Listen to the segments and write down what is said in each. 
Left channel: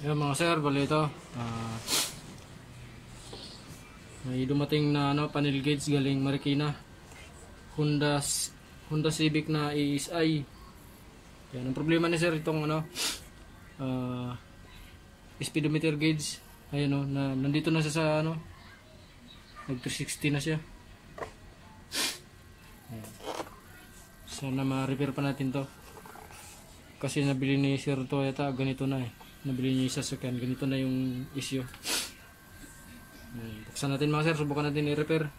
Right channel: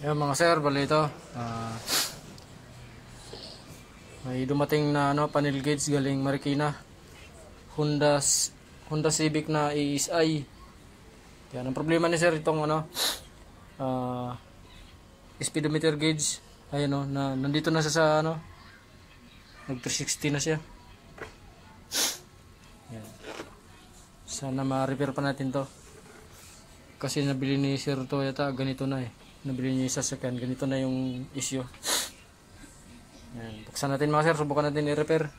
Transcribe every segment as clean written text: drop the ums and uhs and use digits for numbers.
Yan mga sir, bali ito. May dumating na panel gauge galing Marikina. Honda Civic na ESI. Yan ang problema ni sir itong speedometer gauge. Ayun na nandito na siya sa nag 360 na siya. Yan. Sana ma-repair pa natin to. Kasi nabili ni Sir Toyota ganito na Nabili niya yung sasakyan, ganito na yung issue. Ayan. Buksan natin mga sir, subukan natin i-repair.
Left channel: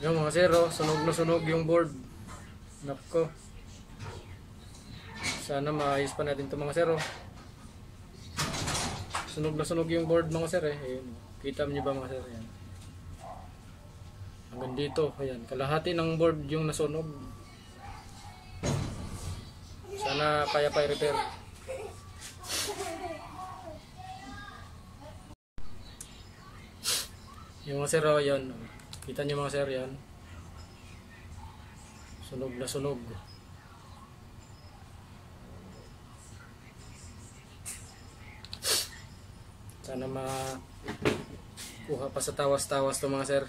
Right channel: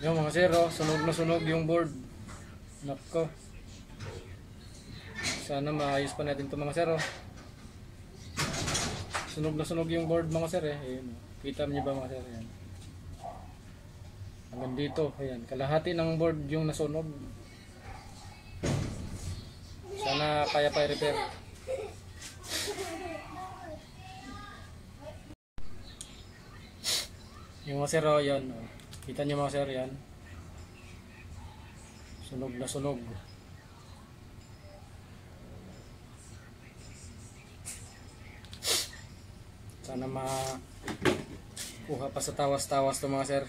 Yung mga sir, sunog na sunog yung board. Nako. Sana maayos pa natin ito mga sir. Sunog na sunog yung board mga sir Ayan. Kita niyo ba mga sir? Ayan. Hanggang dito, ayan. Kalahati ng board yung nasunog. Sana kaya pa i-repair. Yung mga sir, ayan. Kita nyo mga sir yan. Sunog na sunog. Sana makuha pa sa tawas-tawas to mga sir.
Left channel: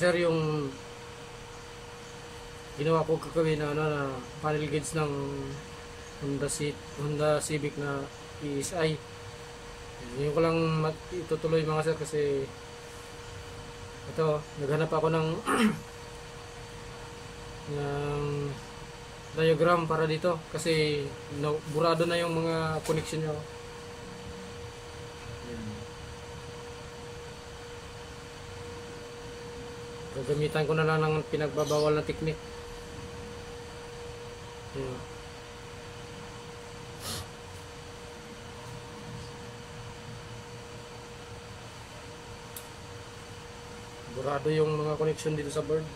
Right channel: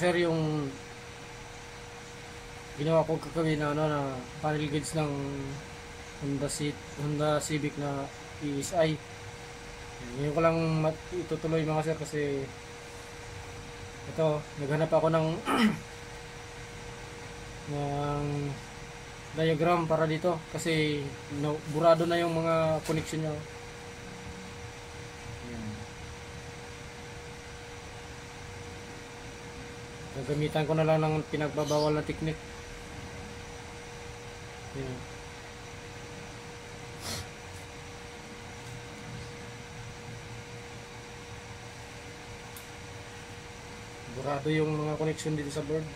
sir, yung ginawa ko kakawin na ano na panel gauge ng Honda Civic na ESI. Ngayon ko lang itutuloy mga sir kasi ito, naghanap ako ng ng diagram para dito kasi burado na yung mga connection nyo. Gagamitan ko na lang ng pinagbabawal na technique. Burado yung mga connection dito sa board.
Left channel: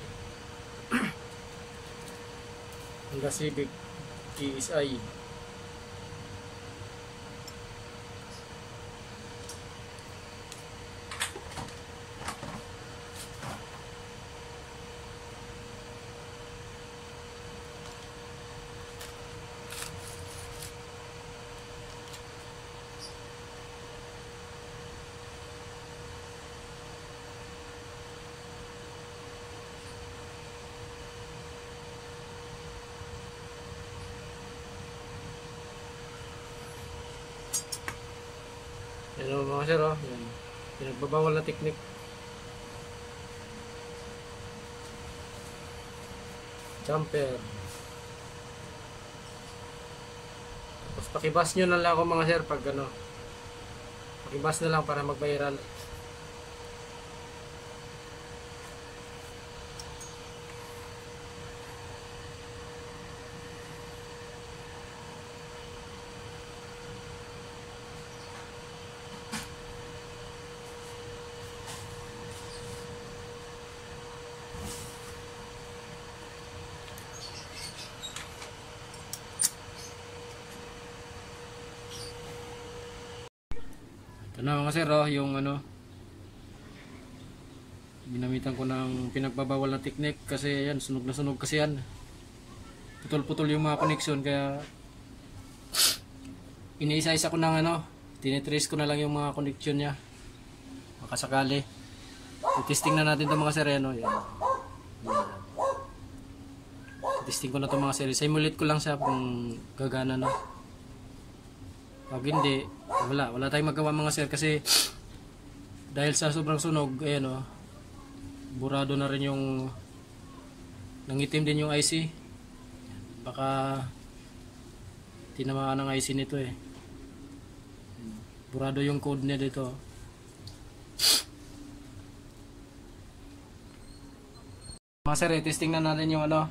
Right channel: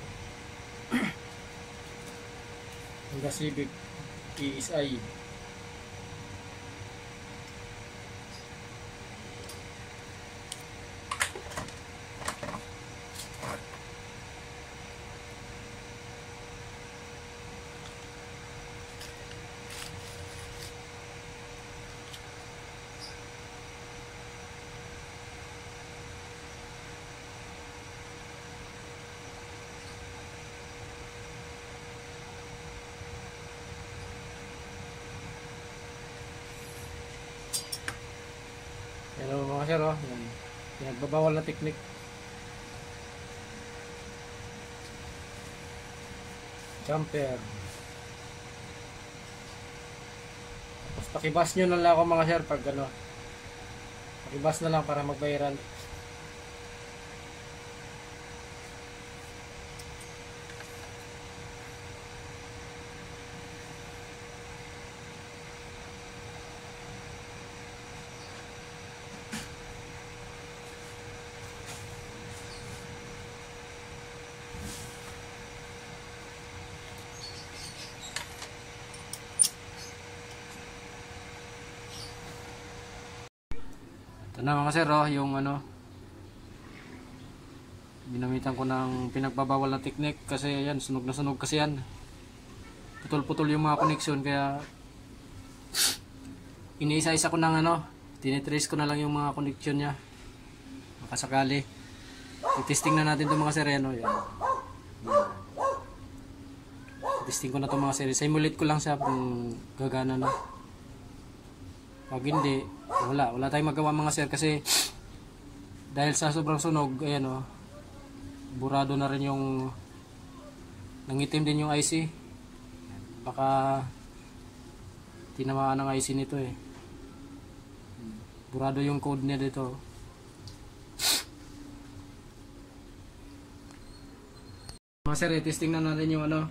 Honda Civic ESI. Ano mga sir, oh, yan. Pinagbabawal na technique. Jumper. Tapos pakibas nyo na lang ako mga sir pag ano. Pakibas na lang para mag-viral. Ito na mga sir, oh, yung ano, ginamitan ko ng pinagbabawal na technique kasi yan, sunog na sunog kasi yan. Putol-putol yung mga connection kaya iniisa-isa ko ng ano, tinitrace ko na lang yung mga connection nya. Makasakali. I-testing na natin itong mga sir, yan, oh, yan. Testing ko na itong mga sir. Simulate ko lang siya kung gagana na. Pag hindi, wala tayong magawa mga sir kasi dahil sa sobrang sunog, ayan o, burado na rin yung nangitim din yung IC. Baka tinamaan ng IC nito eh. Burado yung code niya dito. Mga sir, testing na natin yung ano,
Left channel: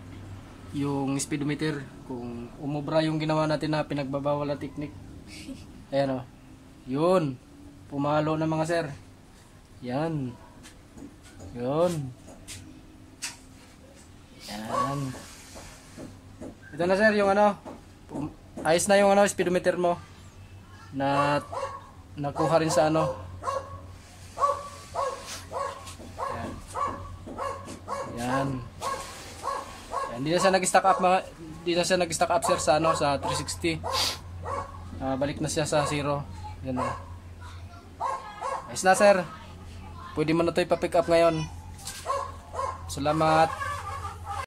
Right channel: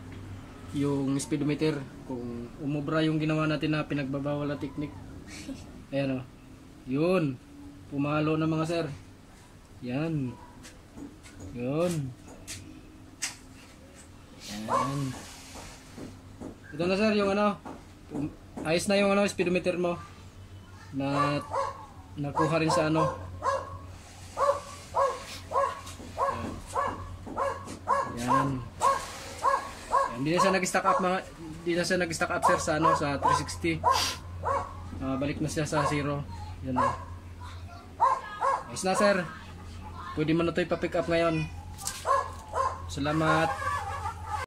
yung speedometer kung umubra yung ginawa natin na pinagbabawal na technique. Ayan o. Yun. Pumalo na mga sir. Yan. Yun. Yan. Ito na sir yung ano. Ayos na yung ano, speedometer mo. Na nakuha rin sa ano. Yan. Hindi na siya nag-stack up mga, hindi na siya nag-stack up sir sa ano, sa 360. Balik na siya sa 0. Yan o. Ayos na sir. Pwede mo na ito ipa-pick up ngayon. Salamat.